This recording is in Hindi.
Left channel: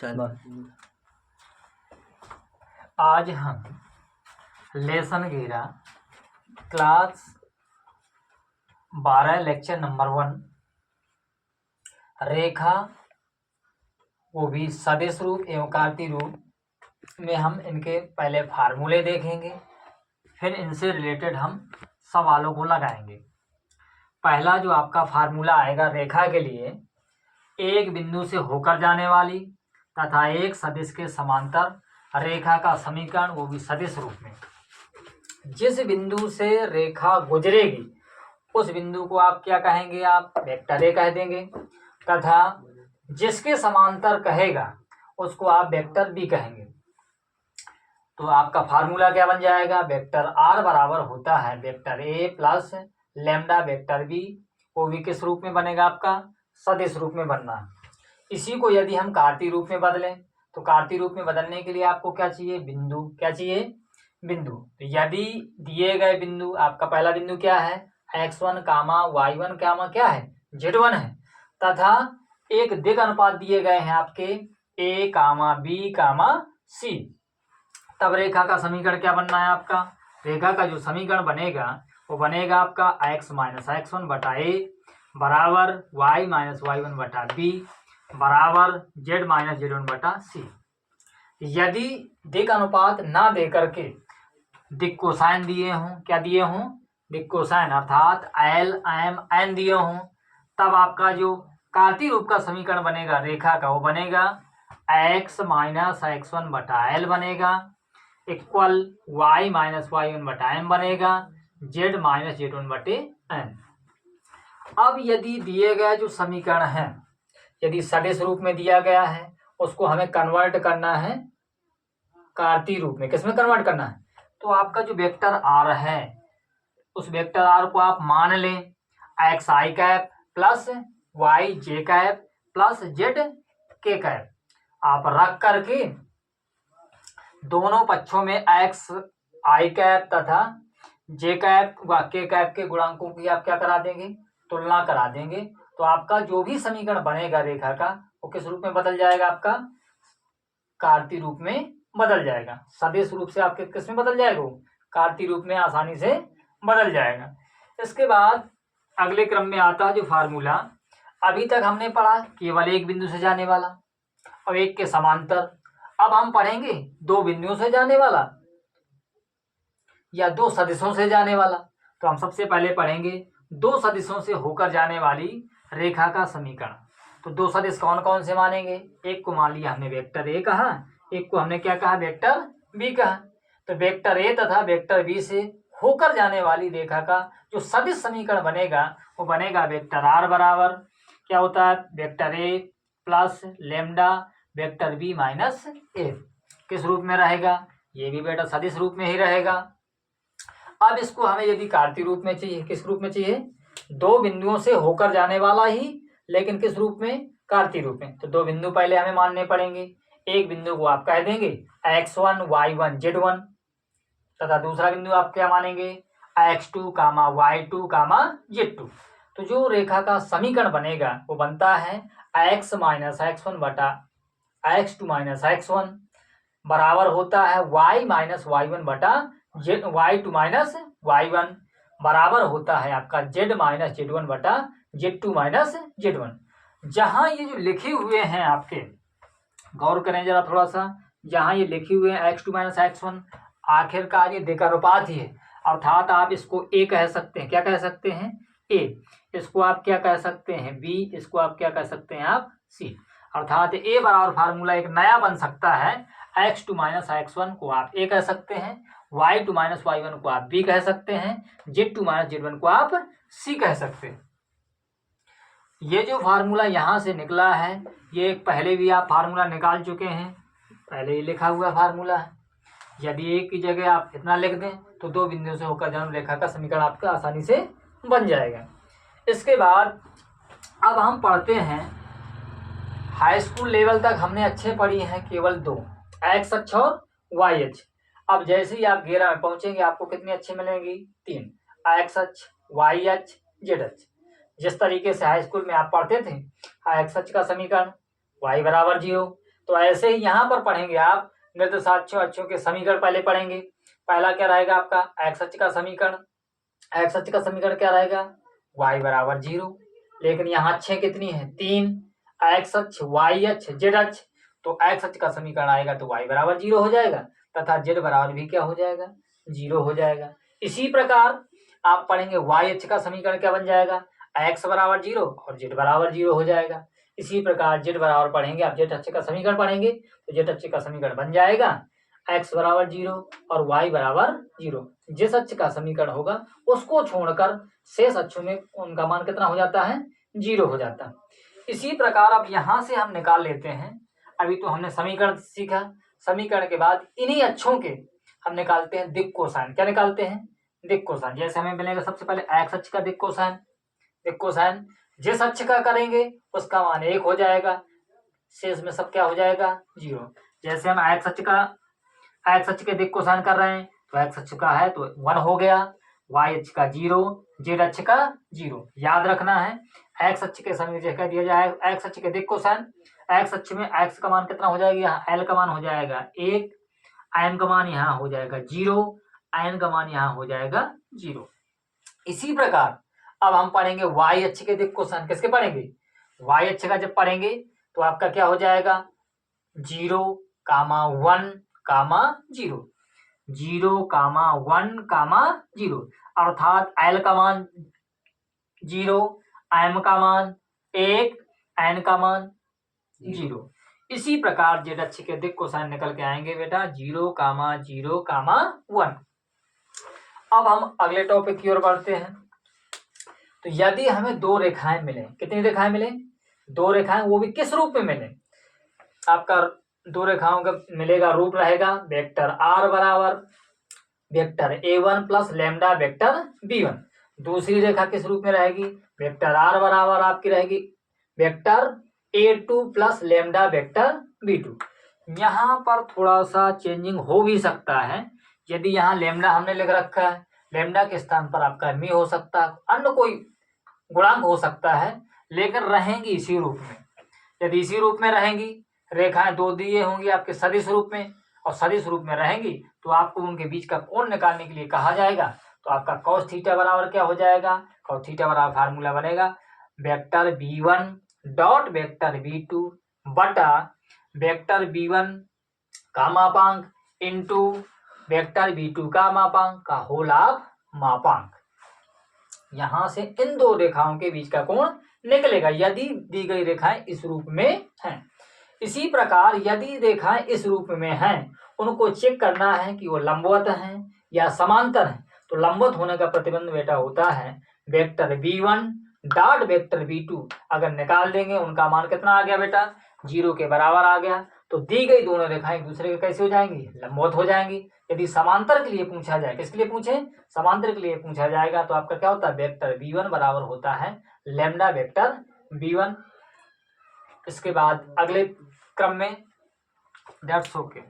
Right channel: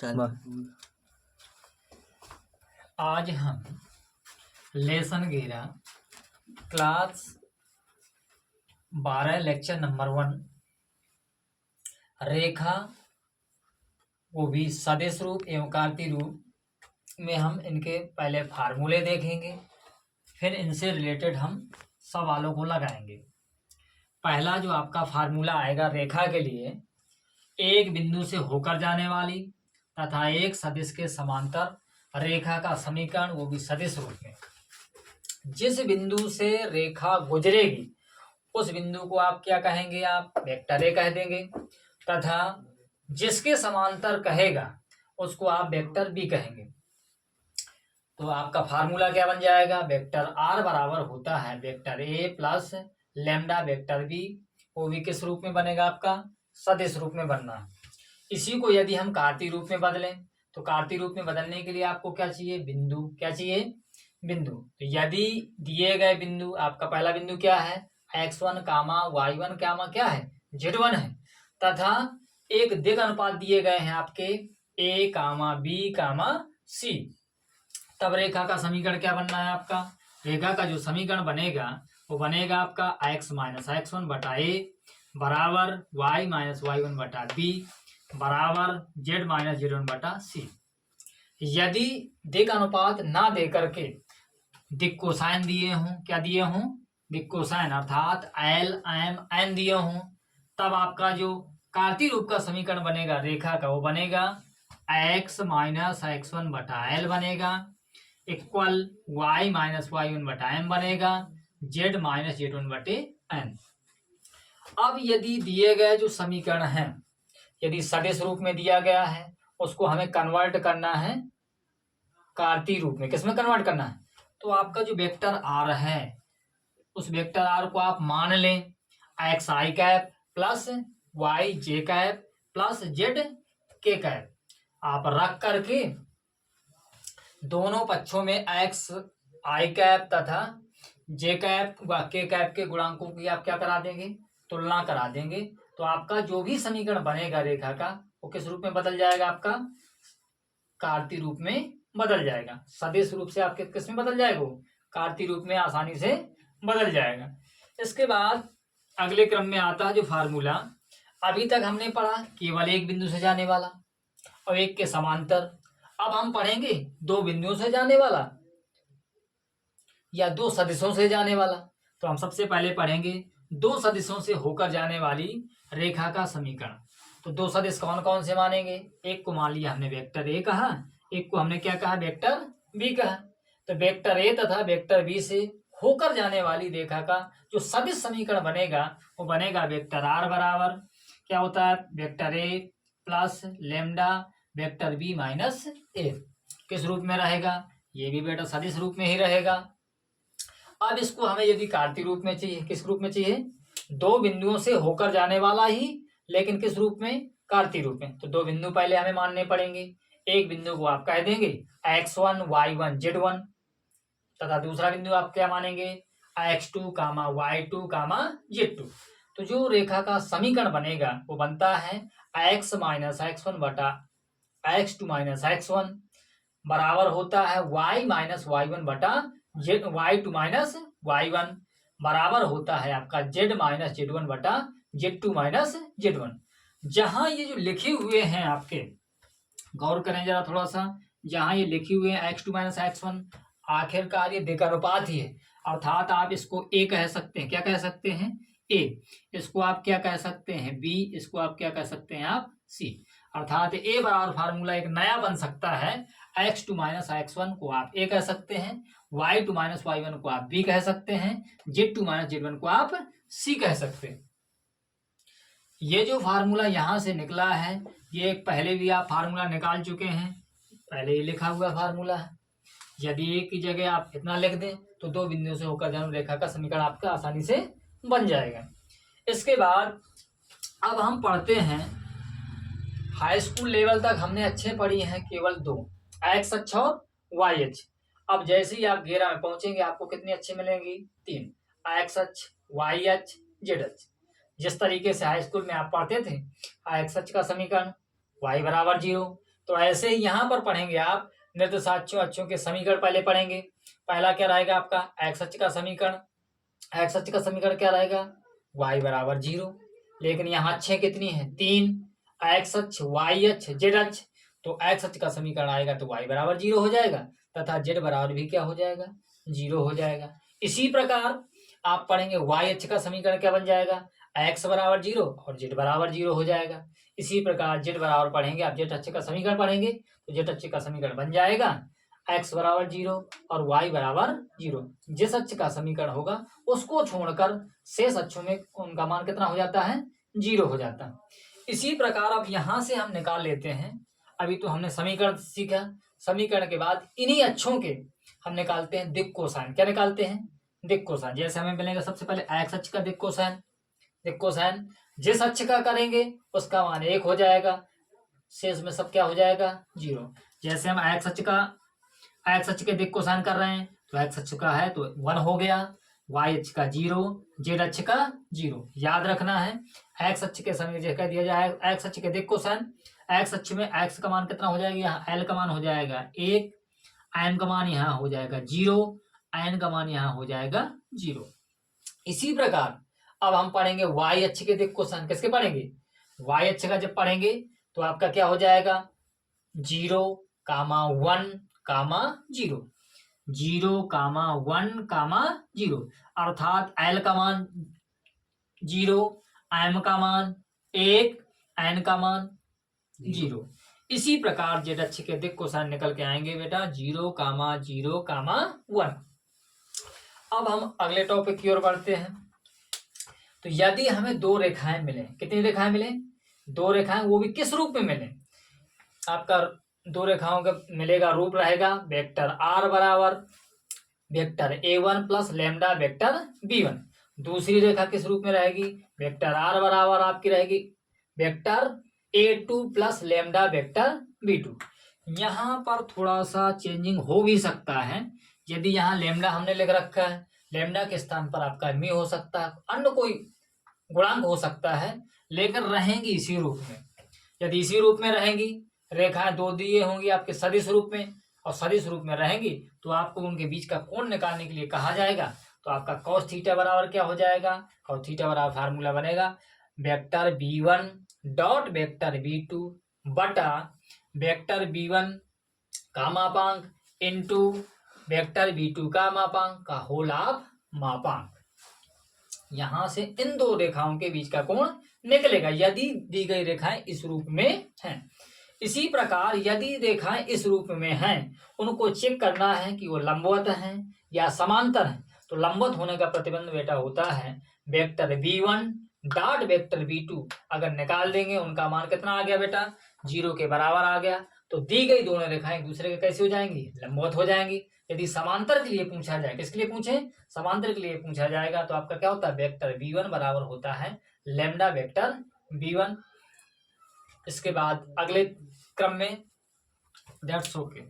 चलो आज हम लेसन 11 क्लास 12 लेक्चर नंबर 1 रेखा वो भी सदिश रूप एवं कार्तीय रूप में हम इनके पहले फार्मूले देखेंगे, फिर इनसे रिलेटेड हम सवालों को लगाएंगे। पहला जो आपका फार्मूला आएगा रेखा के लिए, एक बिंदु से होकर जाने वाली तथा एक सदिश के समांतर रेखा का समीकरण वो भी सदिश रूप में। जिस बिंदु से रेखा गुजरेगी उस बिंदु को आप क्या कहेंगे, आप वेक्टर ए कह देंगे, तथा जिसके समांतर कहेगा उसको आप वेक्टर बी कहेंगे। तो आपका फार्मूला क्या बन जाएगा, वेक्टर आर बराबर होता है vector A plus lambda vector B, वो भी किस रूप में बनेगा, आपका सदिश रूप में बनना है। इसी को यदि हम कार्तीय रूप में बदलें तो कार्तीय रूप में बदलने के लिए आपको क्या चाहिए, बिंदु। क्या चाहिए, बिंदु। तो यदि दिए गए बिंदु, आपका पहला बिंदु क्या है, x1 कामा y1 कामा क्या है, z1 है, तथा एक दिग अनुपात दिए गए हैं आपके a comma b comma c, तब रेखा का समीकरण क्या बनना है आपका, रेखा का जो समीकरण बनेगा वो बनेगा आपका x माइनस x1 बटा a बराबर y माइनस y1 बटा b बराबर z माइनस z1 बटा c। यदि दिक् अनुपात ना दे करके दिक् कोसाइन दिए हों, क्या दिए हों, दिक् कोसाइन अर्थात l m n दिए हों, तब आपका जो कार्तीय रूप का समीकरण बनेगा रेखा का वो बनेगा x माइनस x1 बटा l बनेगा इक्वल y माइनस y1 बटा m बनेगा z माइनस z1 बटे n। अब यदि दिए गए जो समीकरण है, यदि सदिश रूप में दिया गया है, उसको हमें कन्वर्ट करना है कार्तीय रूप में। किसमें कन्वर्ट करना है, तो आपका जो वेक्टर आर है उस वेक्टर आर को आप मान लें एक्स आई कैप प्लस वाई जे कैप प्लस जेड के कैप, आप रख करके दोनों पक्षों में एक्स आई कैप तथा जे कैप व के कैप के गुणांकों की आप क्या करा देंगे, तुलना करा देंगे। तो आपका जो भी समीकरण बनेगा रेखा का वो किस रूप में बदल जाएगा, आपका कार्तीय रूप में बदल जाएगा। सदिश रूप से आपके किस में बदल जाएगा, वो कार्तीय रूप में आसानी से बदल जाएगा। इसके बाद अगले क्रम में आता है जो फार्मूला, अभी तक हमने पढ़ा केवल एक बिंदु से जाने वाला और एक के समांतर। अब हम पढ़ेंगे दो बिंदुओं से जाने वाला या दो सदिशों से जाने वाला। तो हम सबसे पहले पढ़ेंगे दो सदिशों से होकर जाने वाली रेखा का समीकरण। तो दो सदिश कौन कौन से मानेंगे, एक को मान लिया हमने वेक्टर ए कहा, एक को हमने क्या कहा, वेक्टर बी कहा। तो वेक्टर ए तथा वेक्टर बी से होकर जाने वाली रेखा का जो सदिश समीकरण बनेगा वो बनेगा वेक्टर आर बराबर क्या होता है, vector A plus lambda vector B minus A. किस रूप में रहेगा, ये भी बेटा सदिश रूप में ही रहेगा। अब इसको हमें यदि कार्तीय रूप में चाहिए, किस रूप में चाहिए, दो बिंदुओं से होकर जाने वाला ही, लेकिन किस रूप में, कार्तीय रूप में। तो दो बिंदु पहले हमें मानने पड़ेंगे। एक बिंदु को आप कह देंगे x1 y1 z1 तथा दूसरा बिंदु आप क्या मानेंगे x2 कामा y2 कामा z2। तो जो रेखा का समीकरण बनेगा वो बनता है x माइनस x1 बटा x2 माइनस x1 बराबर होता है y माइनस y1 बटा y2 माइनस y1 बराबर होता है आपका z माइनस z1 बटा z2 माइनस z1। जहां ये जो लिखे हुए हैं आपके, गौर करें जरा थोड़ा सा, जहां ये लिखे हुए हैं x2 माइनस x1, आखिरकार ये दिक् अनुपात ही है, अर्थात आप इसको a कह सकते हैं, क्या कह सकते हैं, a, इसको आप क्या कह सकते हैं b, इसको आप क्या कह सकते हैं, आप c। अर्थात a बराबर फार्मूला एक नया बन सकता है, x2 माइनस x1 को आप a कह सकते हैं, y2 माइनस y1 को आप b कह सकते हैं, z2 माइनस z1 को आप c कह सकते हैं। ये जो फार्मूला यहाँ से निकला है ये पहले भी आप फार्मूला निकाल चुके हैं, पहले ही लिखा हुआ फार्मूला है। यदि एक की जगह आप इतना लिख दें तो दो बिंदुओं से होकर जाने रेखा का समीकरण आपका आसानी से बन जाएगा। इसके बाद अब हम पढ़ते हैं, हाई स्कूल लेवल तक हमने अच्छे पढ़ी हैं केवल दो, एक्स अक्ष और वाई अक्ष। अब जैसे ही आप 11 में पहुंचेंगे आपको कितनी अच्छे मिलेंगी, तीन, एक्स अक्ष, वाई अक्ष, जेड अक्ष। जिस तरीके से हाई स्कूल में आप पढ़ते थे एक्स अक्ष का समीकरण y बराबर 0, तो ऐसे ही यहाँ पर पढ़ेंगे आप निर्देशाक्षों अक्षों के समीकरण पहले पढ़ेंगे। पहला क्या रहेगा आपका एक्स अक्ष का समीकरण। एक्स अक्ष का समीकरण क्या रहेगा y बराबर 0। लेकिन यहाँ अक्षें कितनी है 3, एक्स अक्ष y अक्ष जेड अक्ष। तो एक्स अक्ष का समीकरण आएगा तो y बराबर 0 हो जाएगा तथा जेड बराबर भी क्या हो जाएगा 0 हो जाएगा। इसी प्रकार आप पढ़ेंगे y अक्ष का समीकरण क्या बन जाएगा x बराबर 0 और जेड बराबर 0 हो जाएगा। इसी प्रकार जेड बराबर पढ़ेंगे आप जेड अक्ष का समीकरण पढ़ेंगे तो जेड अक्ष का समीकरण बन जाएगा x बराबर 0 और y बराबर 0। जिस अक्ष का समीकरण होगा उसको छोड़कर शेष अक्षों में उनका मान कितना हो जाता है 0 हो जाता है। इसी प्रकार अब यहां से हम निकाल लेते हैं। अभी तो हमने समीकरण सीखा, समीकरण के बाद इन्हीं अक्षों के हम निकालते हैं दिक् कोसाइन। क्या निकालते हैं दिक् कोसाइन। जैसे हमें मिलेगा सबसे पहले एक्स अक्ष का दिक् कोसाइन। दिक् कोसाइन जिस अक्ष का करेंगे उसका मान 1 हो जाएगा, शेष में सब क्या हो जाएगा 0। जैसे हम एक्स अक्ष के दिक् कोसाइन कर रहे हैं तो एक्स अक्ष का है तो 1 हो गया, y अक्ष का 0, जेड अक्ष का 0। याद रखना है एक्स अक्ष के समय जगह दिया जाए एक्स अक्ष के दिक् कोसाइन। एक्स अक्ष में एक्स का मान कितना हो जाएगा यहाँ एल का मान हो जाएगा 1, आयन का मान यहाँ हो जाएगा 0, आयन का मान यहाँ हो जाएगा 0। इसी प्रकार अब हम पढ़ेंगे y अक्ष के दिक् कोसाइन। किसके पढ़ेंगे y अक्ष का जब पढ़ेंगे तो आपका क्या हो जाएगा 0, 1, 0, 0, 1, 0 अर्थात एल का मान 0, एम का मान 1, एन का मान 0। इसी प्रकार जेड अक्ष के दिक् कोसाइन निकल के आएंगे बेटा 0, 0, 1। अब हम अगले टॉपिक की ओर बढ़ते हैं। तो यदि हमें दो रेखाएं मिले, कितनी रेखाएं मिले 2 रेखाएं, वो भी किस रूप में मिले आपका 2 रेखाओं का मिलेगा रूप रहेगा वेक्टर r बराबर vector a1 plus lambda vector b1। दूसरी रेखा किस रूप में रहेगी वेक्टर r बराबर आपकी रहेगी vector a2 plus lambda vector b2। यहाँ पर थोड़ा सा चेंजिंग हो भी सकता है। यदि यहाँ लैम्डा हमने लिख रखा है, लैम्डा के स्थान पर आपका मी हो सकता है, अन्य कोई गुणांक हो सकता है, लेकिन रहेंगी इसी रूप में। यदि इसी रूप में रहेंगी रेखाएं 2 दिए होंगी आपके सदिश रूप में और सदिश रूप में रहेंगी तो आपको उनके बीच का कोण निकालने के लिए कहा जाएगा। तो आपका कॉस थीटा बराबर क्या हो जाएगा कॉस थीटा बराबर फार्मूला बनेगा vector b1 dot vector b2 बटा वेक्टर b1 का मापांक इंटू वेक्टर b2 का मापांक का होल ऑफ मापांक। यहां से इन 2 रेखाओं के बीच का कोण निकलेगा यदि दी गई रेखाएं इस रूप में हैं। इसी प्रकार यदि रेखाएं इस रूप में हैं उनको चेक करना है कि वो लंबवत हैं या समांतर हैं। तो लंबवत होने का प्रतिबंध बेटा होता है vector b1 dot vector b2। अगर निकाल देंगे उनका मान कितना आ गया बेटा 0 के बराबर आ गया। तो दी गई दोनों रेखाएं एक दूसरे के कैसे हो जाएंगी लंबवत हो जाएंगी। यदि समांतर के लिए पूछा जाए, किसके लिए पूछे समांतर के लिए पूछा जाएगा, तो आपका क्या होता है वेक्टर b1 बराबर होता है लैम्डा वेक्टर b1। इसके बाद अगले क्रम में दैट्स ओके।